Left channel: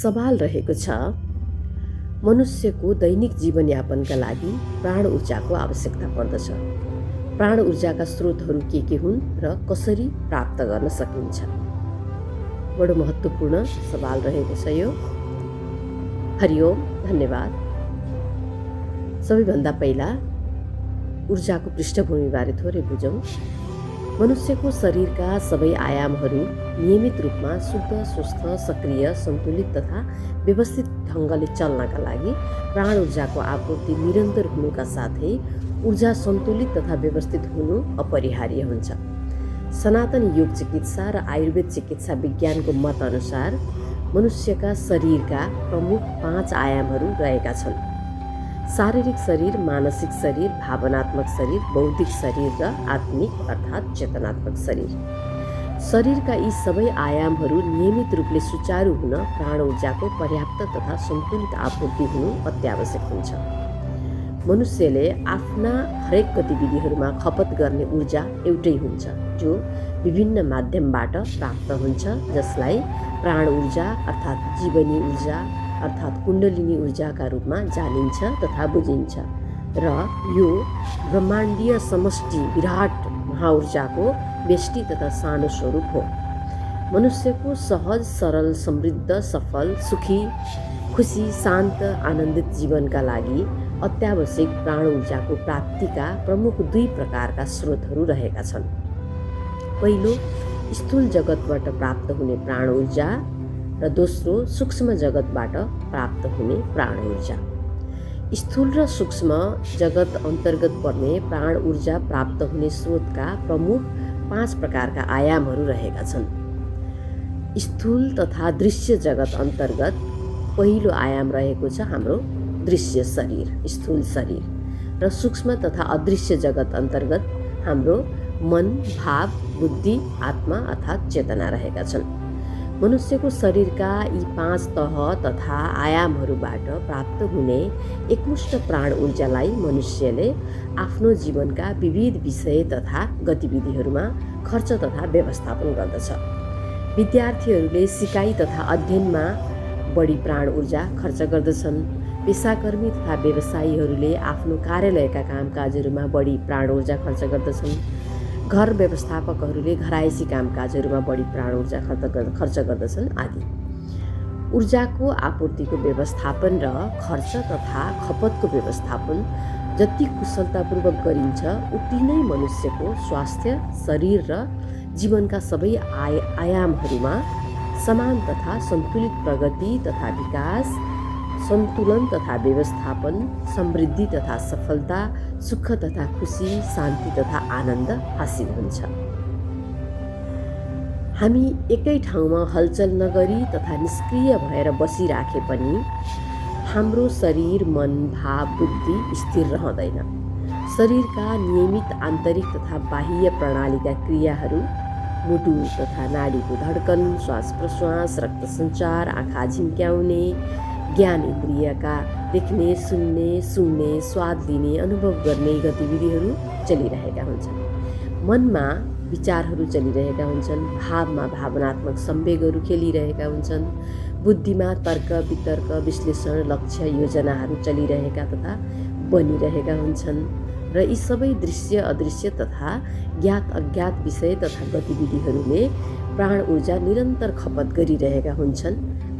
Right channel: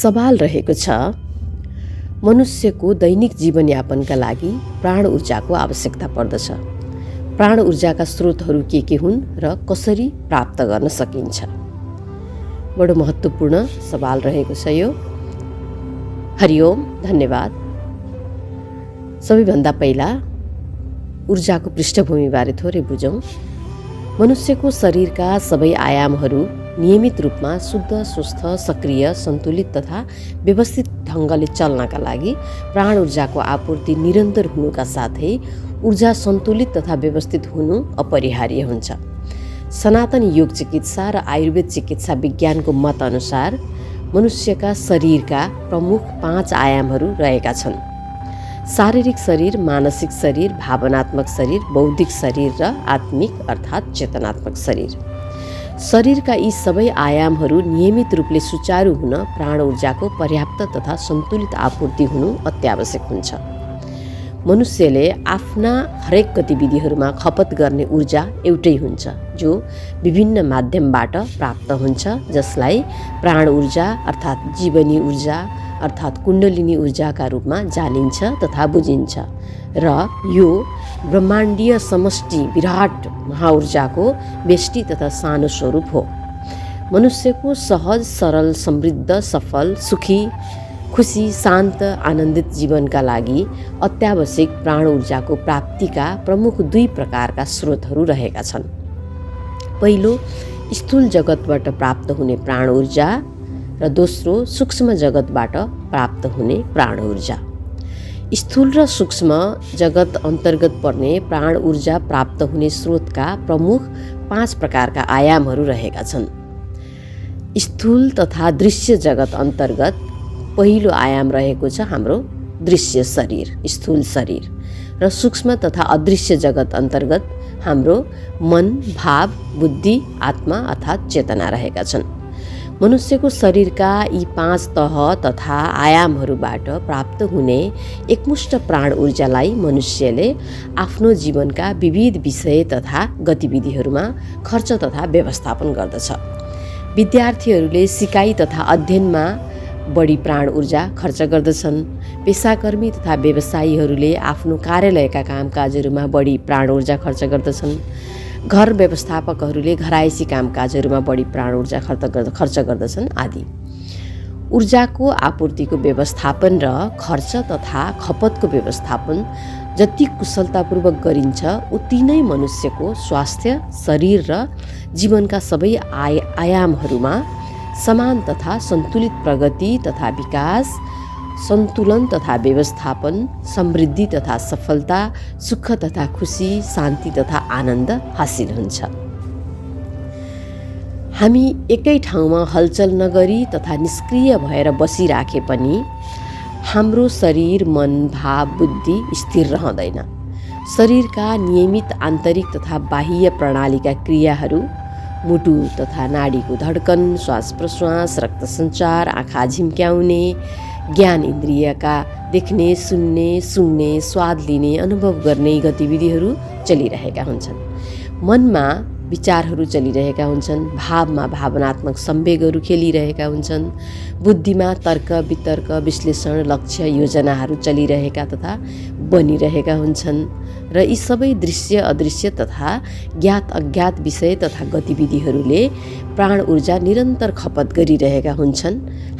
सवाल रहेको छ, मनुष्यको दैनिक जीवनयापनका लागि प्राण ऊर्जाको आवश्यकता पर्दछ। प्राण ऊर्जाका स्रोतहरू के हुन् र कसरी प्राप्त गर्न सकिन्छ? बडो महत्त्वपूर्ण सवाल रहेको छ यो। हरिओम, धन्यवाद। सबैभन्दा पहिला ऊर्जाको पृष्ठभूमिबारे थोरै बुझौँ। मनुष्यको शरीरका सबै आयामहरू नियमित रूपमा शुद्ध, स्वस्थ, सक्रिय, सन्तुलित तथा व्यवस्थित ढङ्गले चल्नका लागि प्राण ऊर्जाको आपूर्ति निरन्तर हुनुका साथै ऊर्जा सन्तुलित तथा व्यवस्थित हुनु अपरिहार्य हुन्छ। सनातन योग चिकित्सा र आयुर्वेद चिकित्सा विज्ञानको मत अनुसार मनुष्यका शरीरका प्रमुख 5 आयामहरू रहेका छन्। शारीरिक शरीर, मानसिक शरीर, भावनात्मक शरीर, बौद्धिक शरीर र आत्मिक अर्थात् चेतनात्मक शरीर। शरीरका यी सबै आयामहरू नियमित रूपले सुचारू हुन प्राण ऊर्जाको पर्याप्त तथा सन्तुलित आपूर्ति हुनु अत्यावश्यक हुन्छ। मनुष्यले आफ्ना हरेक गतिविधिहरूमा खपत गर्ने ऊर्जा एउटै हुन्छ, जो विभिन्न माध्यमबाट प्राप्त हुन्छ, जसलाई प्राण ऊर्जा अर्थात् जीवनी ऊर्जा अर्थात् कुण्डलिनी ऊर्जाका रूपमा जानिन्छ तथा बुझिन्छ र यो ब्रह्माण्डीय समष्टि विराट महाऊर्जाको व्यष्टि तथा सानो स्वरूप हो। मनुष्यको सहज, सरल, समृद्ध, सफल, सुखी, खुसी, शान्त, आनन्दित जीवनका लागि अत्यावश्यक प्राण ऊर्जाको प्राप्तिका प्रमुख 2 प्रकारका स्रोतहरू रहेका छन्। पहिलो, स्थूल जगतबाट प्राप्त हुने प्राण ऊर्जा र दोस्रो, सूक्ष्म जगतबाट प्राप्त हुने प्राण ऊर्जा। स्थूल र सूक्ष्म जगत अन्तर्गत पर्ने प्राण ऊर्जा प्राप्त हुने स्रोतका प्रमुख 5 प्रकारका आयामहरू रहेका छन्। स्थूल तथा दृश्य जगत अन्तर्गत पहिलो आयाम रहेको छ हाम्रो दृश्य शरीर, स्थूल शरीर, र सूक्ष्म तथा अदृश्य जगत अन्तर्गत हाम्रो मन, भाव, बुद्धि, आत्मा अर्थात् चेतना रहेका छन्। मनुष्यको शरीरका यी 5 तह तथा आयामहरूबाट प्राप्त हुने एकमुष्ट प्राण ऊर्जालाई मनुष्यले आफ्नो जीवनका विविध विषय तथा गतिविधिहरूमा खर्च तथा व्यवस्थापन गर्दछ। विद्यार्थीहरूले सिकाइ तथा अध्ययनमा बढी प्राण ऊर्जा खर्च गर्दछन्। पेसाकर्मी तथा व्यवसायीहरूले आफ्नो कार्यालयका कामकाजहरूमा बढी प्राण ऊर्जा खर्च गर्दछन्। घर व्यवस्थापकहरूले घरायसी कामकाजहरूमा बढी प्राण ऊर्जा खर्च गर्दछन् आदि। ऊर्जाको आपूर्तिको व्यवस्थापन र खर्च तथा खपतको व्यवस्थापन जति कुशलतापूर्वक गरिन्छ, उति नै मनुष्यको स्वास्थ्य, शरीर र जीवनका सबै आयामहरूमा समान तथा सन्तुलित प्रगति तथा विकास, सन्तुलन तथा व्यवस्थापन, समृद्धि तथा सफलता, सुख तथा खुसी, शान्ति तथा आनन्द हासिल हुन्छ। हामी एकै ठाउँमा हलचल नगरी तथा निष्क्रिय भएर बसिराखे पनि हाम्रो शरीर, मन, भाव, बुद्धि स्थिर रहँदैन। शरीरका नियमित आन्तरिक तथा बाह्य प्रणालीका क्रियाहरू, मुटु तथा नाडीको धड्कन, श्वास प्रश्वास, रक्त सञ्चार, आँखा झिम्क्याउने, ज्ञान इन्द्रियका देख्ने, सुन्ने, स्वाद लिने, अनुभव गर्ने गतिविधिहरू चलिरहेका हुन्छन्। मनमा विचारहरू चलिरहेका हुन्छन्, भावमा भावनात्मक संवेगहरू खेलिरहेका हुन्छन्, बुद्धिमा तर्क, वितर्क, विश्लेषण, लक्ष्य, योजनाहरू चलिरहेका तथा बनिरहेका हुन्छन् र यी सबै दृश्य, अदृश्य तथा ज्ञात अज्ञात विषय तथा गतिविधिहरूले प्राण ऊर्जा निरन्तर खपत गरिरहेका हुन्छन्,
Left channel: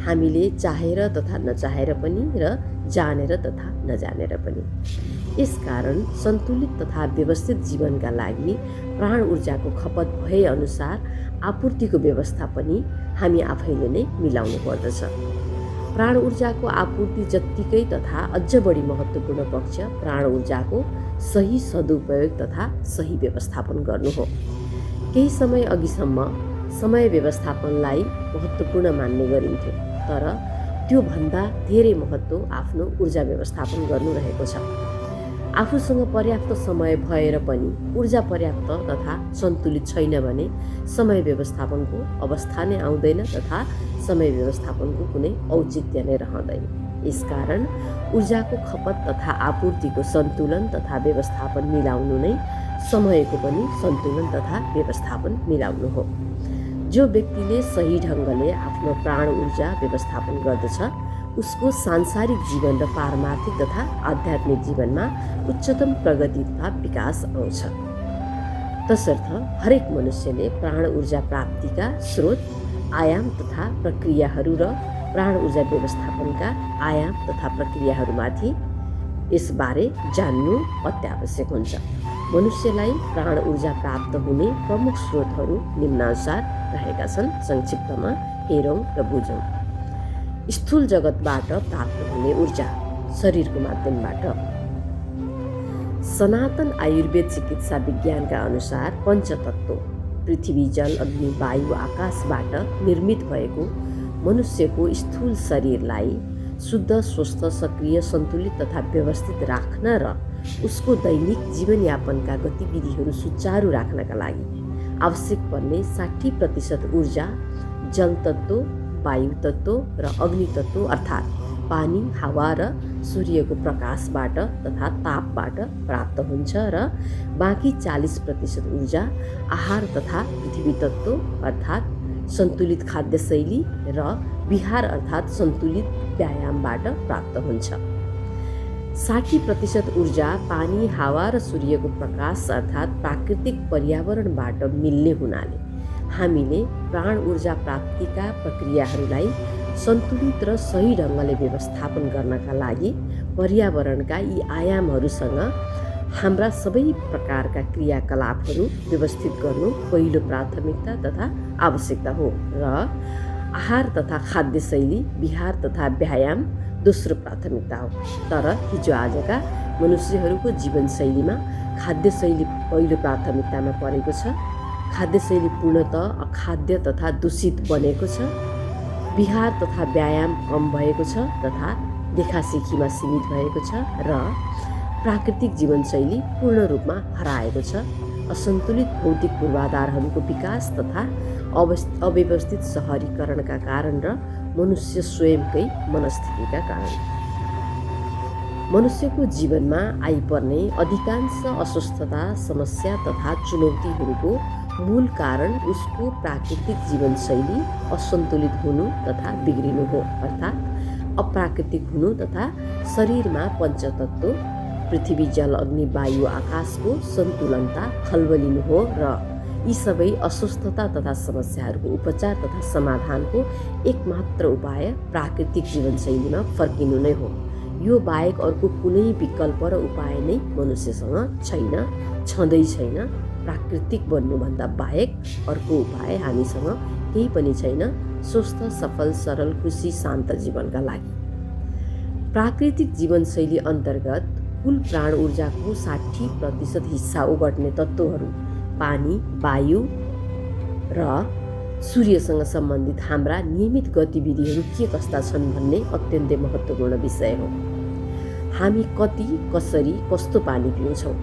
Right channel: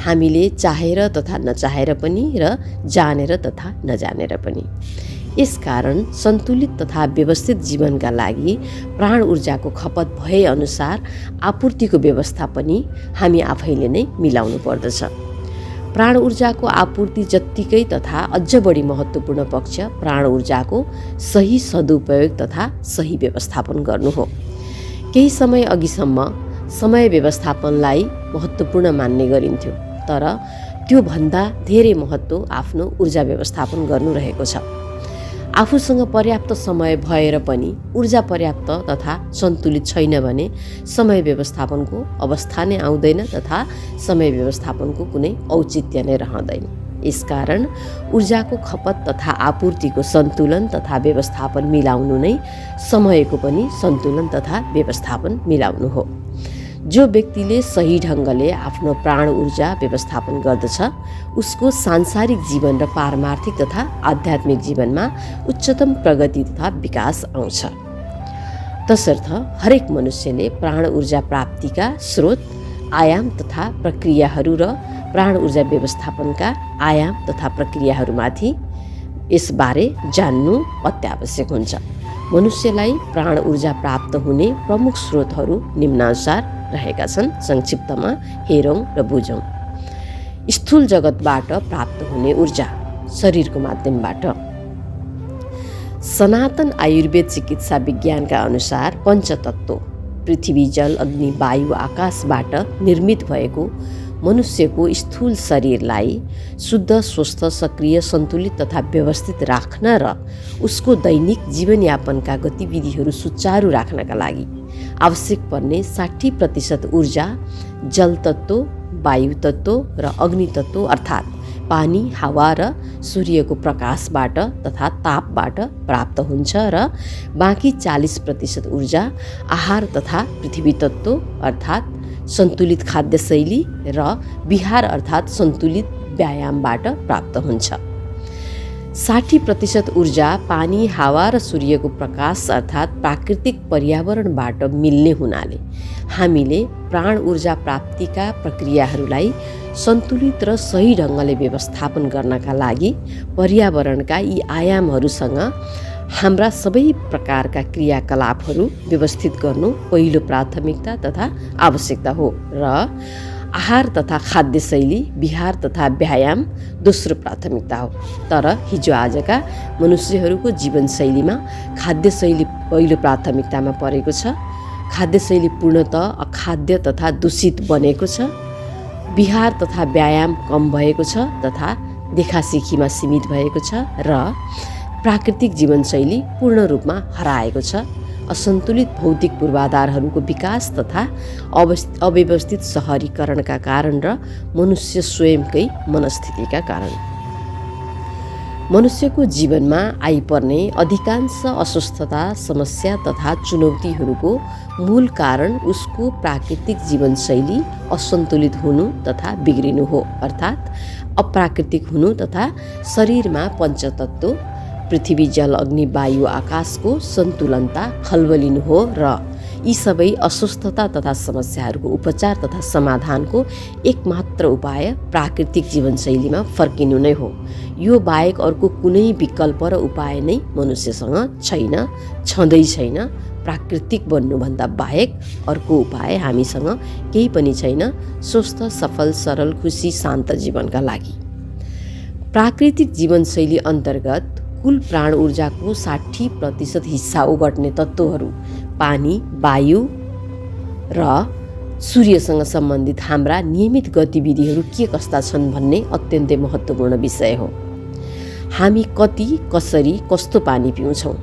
हामीले चाहेर तथा नचाहेर पनि र जानेर तथा नजानेर पनि। यसकारण सन्तुलित तथा व्यवस्थित जीवनका लागि प्राण ऊर्जाको खपत भए अनुसार आपूर्तिको व्यवस्था पनि हामी आफैले नै मिलाउनु पर्दछ। प्राण ऊर्जाको आपूर्ति जत्तिकै तथा अझ बढी महत्त्वपूर्ण पक्ष प्राण ऊर्जाको सही सदुपयोग तथा सही व्यवस्थापन गर्नु हो। केही समय अघिसम्म समय व्यवस्थापनलाई महत्त्वपूर्ण मान्ने गरिन्थ्यो, तर त्यो भन्दा धेरै महत्त्व आफ्नो ऊर्जा व्यवस्थापन गर्नु रहेको छ। आफूसँग पर्याप्त समय भएर पनि ऊर्जा पर्याप्त तथा सन्तुलित छैन भने समय व्यवस्थापनको अवस्था नै आउँदैन तथा समय व्यवस्थापनको कुनै औचित्य नै रहँदैन। यसकारण ऊर्जाको खपत तथा आपूर्तिको सन्तुलन तथा व्यवस्थापन मिलाउनु नै समयको पनि सन्तुलन तथा व्यवस्थापन मिलाउनु हो। जो व्यक्तिले सही ढङ्गले आफ्नो प्राण ऊर्जा व्यवस्थापन गर्दछ उसको सांसारिक जीवन र पारमार्थिक तथा आध्यात्मिक जीवनमा उच्चतम प्रगति तथा विकास आउँछ। तसर्थ हरेक मनुष्यले प्राण ऊर्जा प्राप्तिका स्रोत, आयाम तथा प्रक्रियाहरू र प्राण ऊर्जा व्यवस्थापनका आयाम तथा प्रक्रियाहरूमाथि यसबारे जान्नु अत्यावश्यक हुन्छ। मनुष्यलाई प्राण ऊर्जा प्राप्त हुने प्रमुख स्रोतहरू निम्नानुसार रहेका छन्। संक्षिप्तमा हेरौँ र बुझौँ। स्थूल जगतबाट प्राप्त हुने ऊर्जा शरीरको माध्यमबाट। सनातन आयुर्वेद चिकित्सा विज्ञानका अनुसार पञ्चतत्त्व पृथ्वी, जल, अग्नि, वायु, आकाशबाट निर्मित भएको मनुष्यको स्थूल शरीरलाई शुद्ध, स्वस्थ, सक्रिय, सन्तुलित तथा व्यवस्थित राख्न र उसको दैनिक जीवनयापनका गतिविधिहरू सुचारू राख्नका लागि आवश्यक पर्ने 60% ऊर्जा जल तत्त्व, वायु तत्त्व र अग्नि तत्त्व अर्थात् पानी, हावा र सूर्यको प्रकाशबाट तथा तापबाट प्राप्त हुन्छ र बाँकी 40% ऊर्जा आहार तथा पृथ्वी तत्त्व अर्थात् सन्तुलित खाद्यशैली र विहार अर्थात् सन्तुलित व्यायामबाट प्राप्त हुन्छ। 60% ऊर्जा पानी, हावा र सूर्यको प्रकाश अर्थात् प्राकृतिक पर्यावरणबाट मिल्ने हुनाले हामीले प्राण ऊर्जा प्राप्तिका प्रक्रियाहरूलाई सन्तुलित र सही ढङ्गले व्यवस्थापन गर्नका लागि पर्यावरणका यी आयामहरूसँग हाम्रा सबै प्रकारका क्रियाकलापहरू व्यवस्थित गर्नु पहिलो प्राथमिकता तथा आवश्यकता हो र आहार तथा खाद्यशैली, विहार तथा व्यायाम दोस्रो प्राथमिकता हो। तर हिजोआजका मनुष्यहरूको जीवनशैलीमा खाद्यशैली पहिलो प्राथमिकतामा परेको छ। खाद्यशैली पूर्णतः अखाद्य तथा दूषित बनेको छ। विहार तथा व्यायाम कम भएको छ तथा देखासेखीमा सीमित भएको छ र प्राकृतिक जीवनशैली पूर्ण रूपमा हराएको छ। असन्तुलित भौतिक पूर्वाधारहरूको विकास तथा अव्यवस्थित सहरीकरणका कारण र मनुष्य स्वयंकै मनस्थितिका कारण मनुष्यको जीवनमा आइपर्ने अधिकांश अस्वस्थता, समस्या तथा चुनौतीहरूको मूल कारण उसको प्राकृतिक जीवनशैली असन्तुलित हुनु तथा बिग्रिनु हो अर्थात् अप्राकृतिक हुनु तथा शरीरमा पञ्चतत्त्व पृथ्वी, जल, अग्नि, वायु, आकाशको सन्तुलनता खल्बलिनु हो र यी सबै अस्वस्थता तथा समस्याहरूको उपचार तथा समाधानको एकमात्र उपाय प्राकृतिक जीवनशैलीमा फर्किनु नै हो। यो बाहेक अर्को कुनै विकल्प र उपाय नै मनुष्यसँग छैन, छँदै छैन। प्राकृतिक बन्नुभन्दा बाहेक अर्को उपाय हामीसँग केही पनि छैन स्वस्थ, सफल, सरल, खुसी, शान्त जीवनका लागि। प्राकृतिक जीवनशैली अन्तर्गत कुल प्राण ऊर्जाको 60% हिस्सा ओगट्ने तत्त्वहरू पानी, वायु र सूर्यसँग सम्बन्धित हाम्रा नियमित गतिविधिहरू के कस्ता छन् भन्ने अत्यन्तै महत्त्वपूर्ण विषय हो। हामी कति, कसरी, कस्तो पानी पिउँछौँ,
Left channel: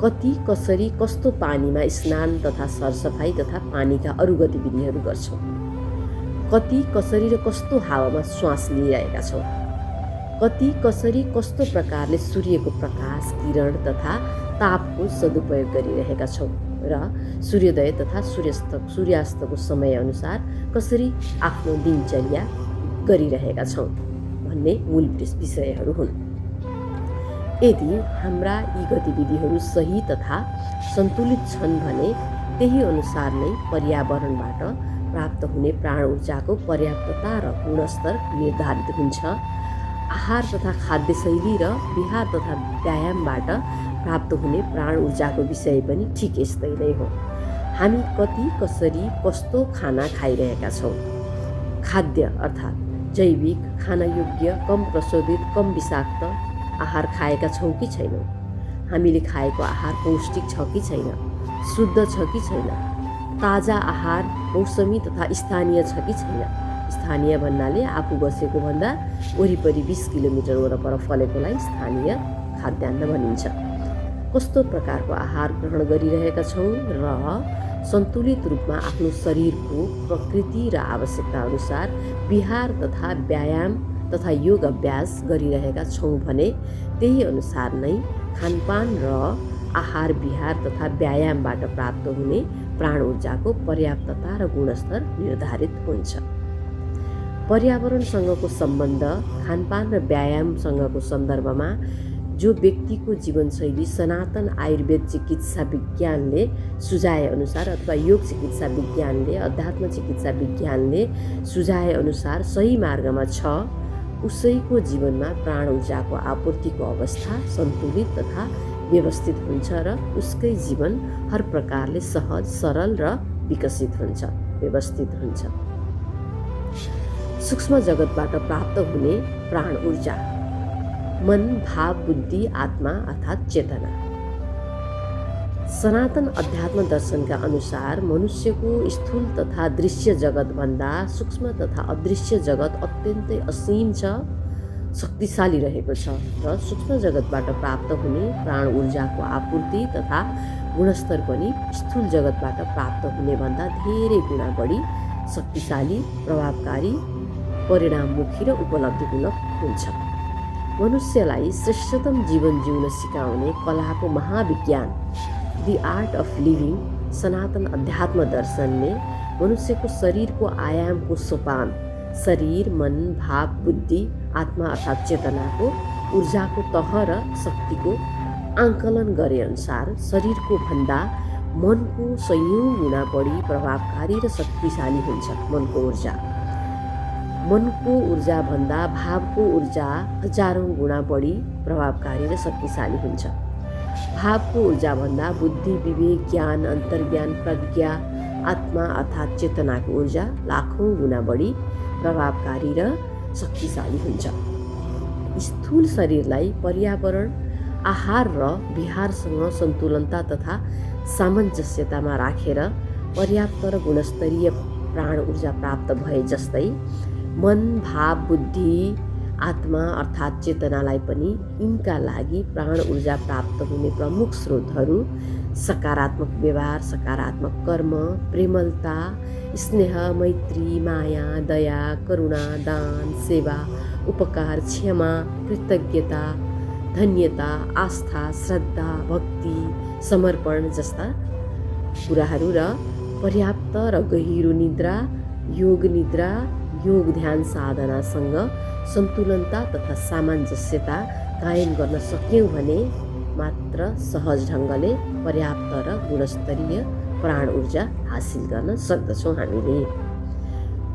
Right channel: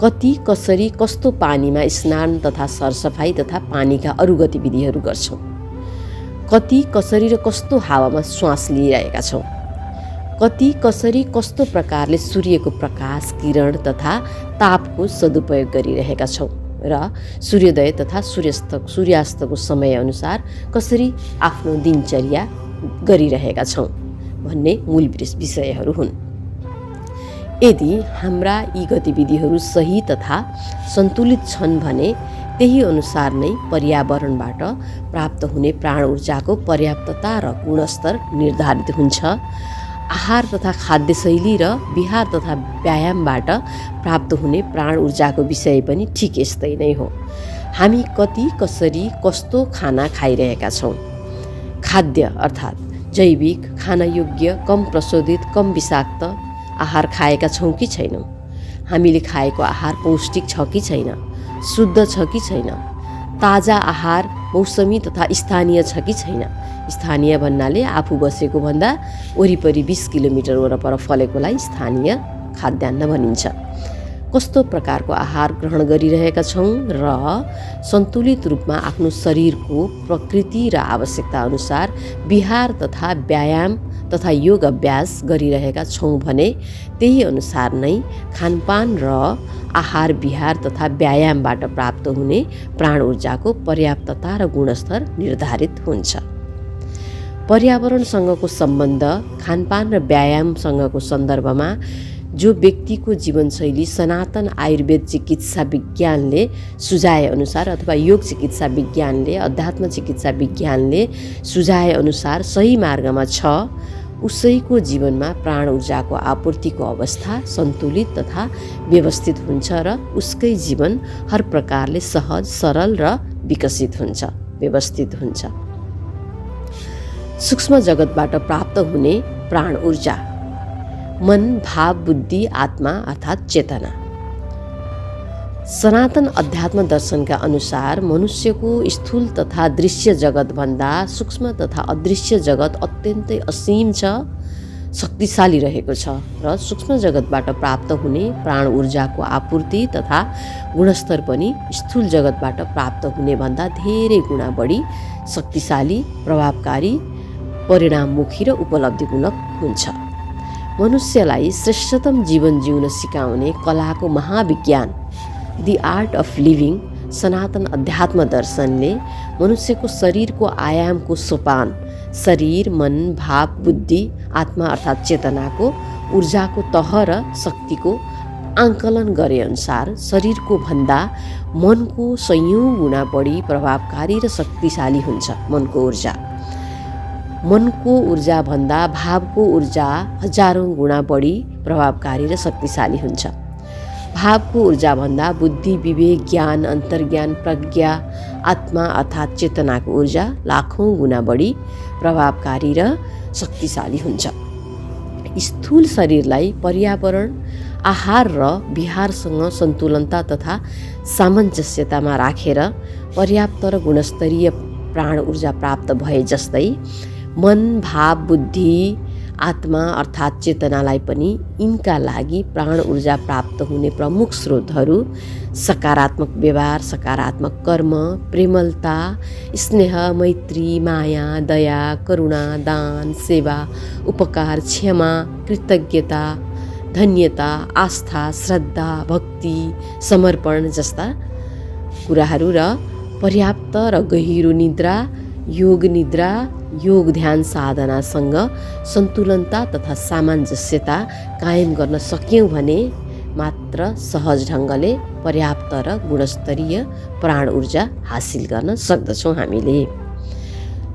कति, कसरी, कस्तो पानीमा स्नान तथा सरसफाइ तथा पानीका अरू गतिविधिहरू गर्छौँ, कति, कसरी र कस्तो हावामा श्वास लिइरहेका छौँ, कति, कसरी, कस्तो प्रकारले सूर्यको प्रकाश, किरण तथा तापको सदुपयोग गरिरहेका छौँ र सूर्योदय तथा सूर्यास्तको समयअनुसार कसरी आफ्नो दिनचर्या गरिरहेका छौँ भन्ने मूल विषयहरू हुन्। यदि हाम्रा यी गतिविधिहरू सही तथा सन्तुलित छन् भने त्यही अनुसार नै पर्यावरणबाट प्राप्त हुने प्राण ऊर्जाको पर्याप्तता र गुणस्तर निर्धारित हुन्छ। आहार तथा खाद्यशैली र विहार तथा व्यायामबाट प्राप्त हुने प्राण ऊर्जाको विषय पनि ठिक यस्तै नै हो। हामी कति, कसरी, कस्तो खाना खाइरहेका छौँ, खाद्य अर्थात् जैविक, खानयोग्य, कम प्रशोधित, कम विषाक्त आहार खाएका छौँ कि छैनौँ, हामीले खाएको आहार पौष्टिक छ कि छैन, शुद्ध छ कि छैन, ताजा आहार मौसमी तथा स्थानीय छ कि छैन। स्थानीय भन्नाले आफू बसेको भन्दा वरिपरि 20 किलोमिटर वरपर फलेकोलाई स्थानीय खाद्यान्न भनिन्छ। कस्तो प्रकारको आहार ग्रहण गरिरहेका छौँ र सन्तुलित रूपमा आफ्नो शरीरको प्रकृति र आवश्यकता अनुसार विहार तथा व्यायाम तथा योग अभ्यास गरिरहेका छौँ भने त्यही अनुसार नै खानपान र आहार विहार तथा व्यायामबाट प्राप्त हुने प्राण ऊर्जाको पर्याप्तता र गुणस्तर निर्धारित हुन्छ। पर्यावरणसँगको सम्बन्ध खानपान र व्यायामसँगको सन्दर्भमा जो व्यक्तिको जीवनशैली सनातन आयुर्वेद चिकित्सा विज्ञानले सुझाएअनुसार अथवा योग चिकित्सा विज्ञानले अध्यात्म चिकित्सा विज्ञानले सुझाएअनुसार सही मार्गमा छ, उसैको जीवनमा प्राण ऊर्जाको आपूर्तिको अवस्था सन्तुलित तथा व्यवस्थित हुन्छ र उसकै जीवन हर प्रकारले सहज, सरल र विकसित हुन्छ, व्यवस्थित हुन्छ। सूक्ष्म जगतबाट प्राप्त हुने प्राण ऊर्जा मन, भाव, बुद्धि, आत्मा अर्थात् चेतना। सनातन अध्यात्म दर्शनका अनुसार मनुष्यको स्थूल तथा दृश्य जगतभन्दा सूक्ष्म तथा अदृश्य जगत अत्यन्तै असीम छ, शक्तिशाली रहेको छ र सूक्ष्म जगतबाट प्राप्त हुने प्राण ऊर्जाको आपूर्ति तथा गुणस्तर पनि स्थूल जगतबाट प्राप्त हुने भन्दा धेरै गुणा बढी शक्तिशाली, प्रभावकारी, परिणाममुखी र उपलब्धिमूलक हुन्छ। मनुष्यलाई श्रेष्ठतम जीवन जिउन सिकाउने कलाको Mahavigyan the art of living सनातन अध्यात्म दर्शनले मनुष्यको शरीरको आयामको सोपान शरीर, मन, भाव, बुद्धि, आत्मा अर्थात् चेतनाको ऊर्जाको तह र शक्तिको आङ्कलन गरेअनुसार शरीरको भन्दा मनको 100 गुणा बढी प्रभावकारी र शक्तिशाली हुन्छ। मनको ऊर्जा भन्दा भावको ऊर्जा 1000 गुणा बढी प्रभावकारी र शक्तिशाली हुन्छ। भावको ऊर्जा भन्दा बुद्धि, विवेक, ज्ञान, अन्तर्ज्ञान, प्रज्ञा, आत्मा अर्थात् चेतनाको ऊर्जा लाखौँ गुणा बढी प्रभावकारी र शक्तिशाली हुन्छ। स्थूल शरीरलाई पर्यावरण, आहार र विहारसँग सन्तुलनता तथा सामञ्जस्यतामा राखेर पर्याप्त र गुणस्तरीय प्राण ऊर्जा प्राप्त भए जस्तै मन, भाव, बुद्धि, आत्मा अर्थात् चेतनालाई पनि यिनका लागि प्राण ऊर्जा प्राप्त हुने प्रमुख स्रोतहरू सकारात्मक व्यवहार, सकारात्मक कर्म, प्रेमलता, स्नेह, मैत्री, माया, दया, करुणा, दान, सेवा, उपकार, क्षमा, कृतज्ञता, धन्यता, आस्था, श्रद्धा, भक्ति, समर्पण जस्ता कुराहरू र पर्याप्त र गहिरो निद्रा, योग ध्यान साधनासँग सन्तुलनता तथा सामञ्जस्यता कायम गर्न सक्यौँ भने मात्र सहज ढङ्गले पर्याप्त र गुणस्तरीय प्राण ऊर्जा हासिल गर्न सक्दछौँ। हामीले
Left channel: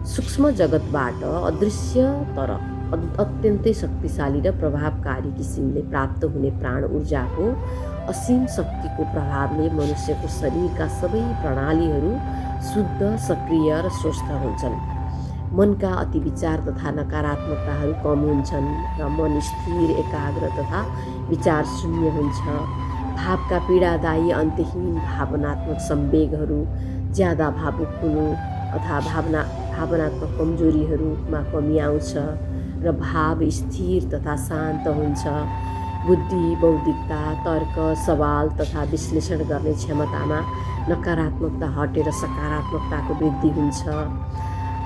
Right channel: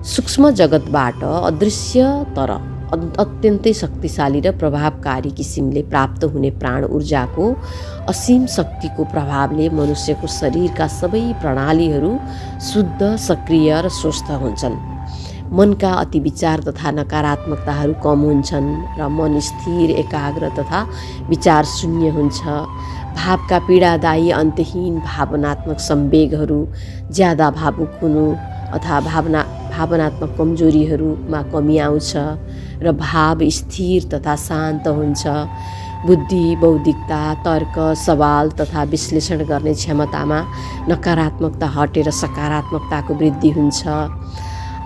सूक्ष्म जगतबाट अदृश्य तर अत्यन्तै शक्तिशाली र प्रभावकारी किसिमले प्राप्त हुने प्राण ऊर्जाको असीम शक्तिको प्रभावले मनुष्यको शरीरका सबै प्रणालीहरू शुद्ध, सक्रिय र स्वस्थ हुन्छन्। मनका अति विचार तथा नकारात्मकताहरू कम हुन्छन् र मन स्थिर, एकाग्र तथा विचार शून्य हुन्छ। भावका पीडादायी अन्तहीन भावनात्मक संवेगहरू, ज्यादा भावुक हुनु अथवा भावनात्मक कमजोरीहरूमा कमी आउँछ र भाव स्थिर तथा शान्त हुन्छ। बुद्धि, बौद्धिकता, तर्क, सवाल तथा विश्लेषण गर्ने क्षमतामा नकारात्मकता हटेर सकारात्मकताको वृद्धि हुन्छ।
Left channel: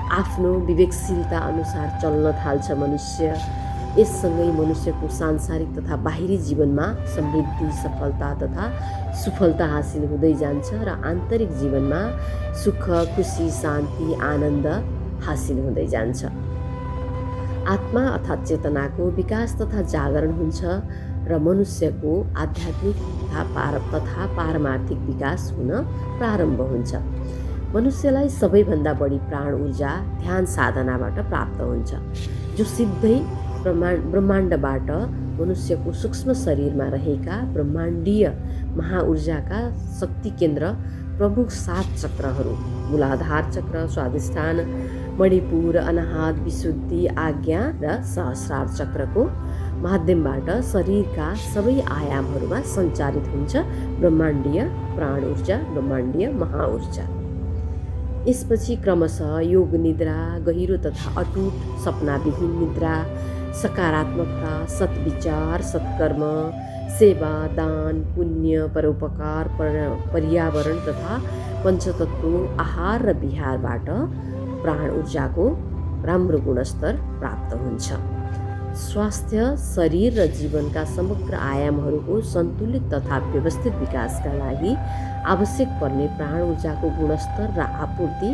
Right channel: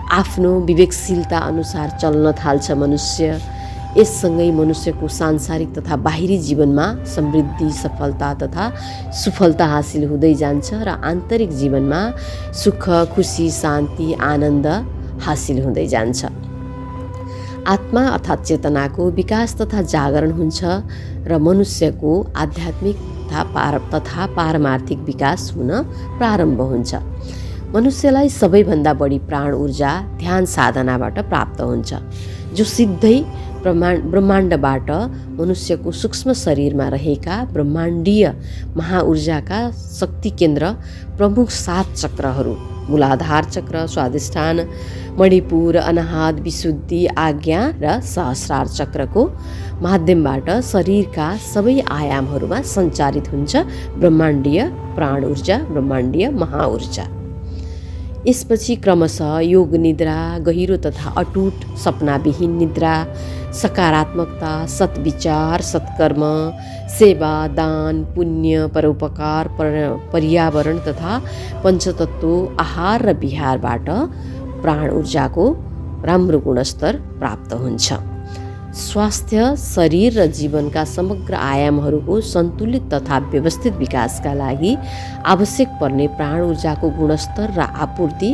आफ्नो विवेकशीलता अनुसार चल्न थाल्छ मनुष्य। यससँगै मनुष्यको सांसारिक तथा बाहिरी जीवनमा समृद्धि, सफलता तथा सुफलता हासिल हुँदै जान्छ र आन्तरिक जीवनमा सुख, खुसी, शान्ति, आनन्द हासिल हुँदै जान्छ। आत्मा अर्थात् चेतनाको विकास तथा जागरण हुन्छ र मनुष्यको आध्यात्मिक तथा पारमार्थिक विकास हुन प्रारम्भ हुन्छ। मनुष्यलाई सबैभन्दा बढी प्राण ऊर्जा ध्यान साधनाबाट प्राप्त हुन्छ, जो सिधै ब्रह्माण्डबाट मनुष्यको सूक्ष्म शरीरमा रहेका ब्रह्माण्डीय महाऊर्जाका शक्ति केन्द्र प्रमुख 7 चक्रहरू मूलाधार चक्र, स्वादिष्ठान, मणिपुर, अनाहत, विशुद्धि, आज्ञा र सहस्रार चक्रको माध्यमबाट शरीरका सबै आयामहरूमा सञ्चारित हुन्छ ब्रह्माण्डीय प्राण ऊर्जा, ब्रह्माण्डीय महाऊर्जा। यसपछि क्रमशः योग निद्रा, गहिरो तथा अटुट सपनाविहीन निद्रा, सकारात्मकता, सद्विचार, सत्कर्म, सेवा, दान, पुण्य, परोपकार, पर्यावरण तथा पञ्चतत्व, आहार र विहारबाट प्राण ऊर्जाको राम्रो गुणस्तर प्राप्त हुन्छ। स्वास्थ्य शरीर र जीवनका समग्र आयामहरूको सन्तुलित तथा व्यवस्थित विकासका लागि आवश्यक पर्ने प्राण ऊर्जाको गुणस्तर र आपूर्ति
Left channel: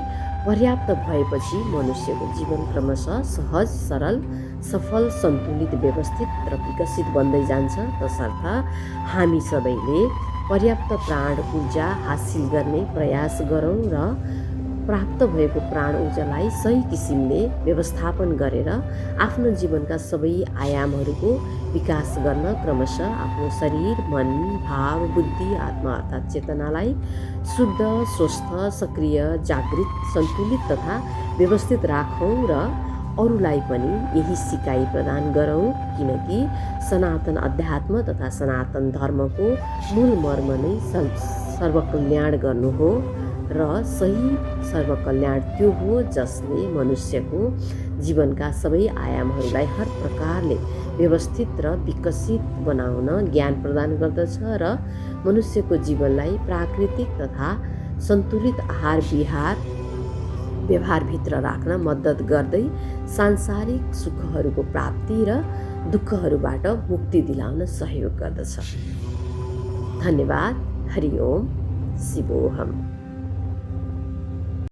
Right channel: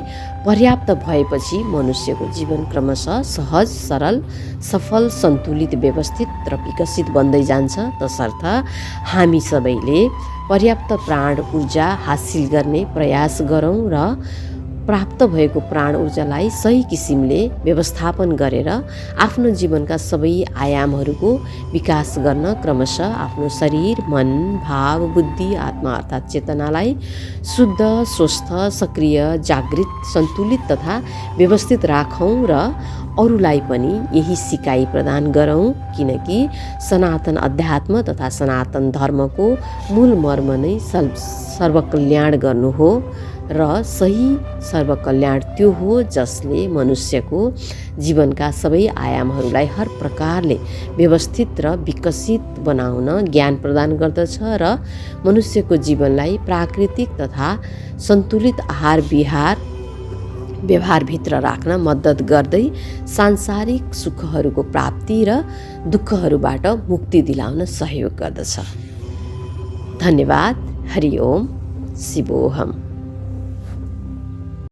पर्याप्त भएपछि मनुष्यको जीवन क्रमशः सहज, सरल, सफल, सन्तुलित, व्यवस्थित र विकसित बन्दै जान्छ। तसर्थ हामी सबैले पर्याप्त प्राण ऊर्जा हासिल गर्ने प्रयास गरौँ र प्राप्त भएको प्राण ऊर्जालाई सही किसिमले व्यवस्थापन गरेर आफ्नो जीवनका सबै आयामहरूको विकास गर्न क्रमशः आफ्नो शरीर, मन, भाव, बुद्धि, आत्मा अर्थात् चेतनालाई शुद्ध, स्वस्थ, सक्रिय, जागृत, सन्तुलित तथा व्यवस्थित राखौँ र अरूलाई पनि यही सिकाइ प्रदान गरौँ, किनकि सनातन अध्यात्म तथा सनातन धर्मको मूल मर्म नै सर्वकल्याण गर्नु हो र सही सर्वकल्याण त्यो हो जसले मनुष्यको जीवनका सबै आयामहरूलाई हर प्रकारले व्यवस्थित र विकसित बनाउन ज्ञान प्रदान गर्दछ र मनुष्यको जीवनलाई प्राकृतिक तथा सन्तुलित आहार व्यवहारभित्र राख्न मद्दत गर्दै सांसारिक सुखहरूको प्राप्ति र दुःखहरूबाट मुक्ति दिलाउन सहयोग गर्दछ। धन्यवाद। हरि ओम शिवोहम।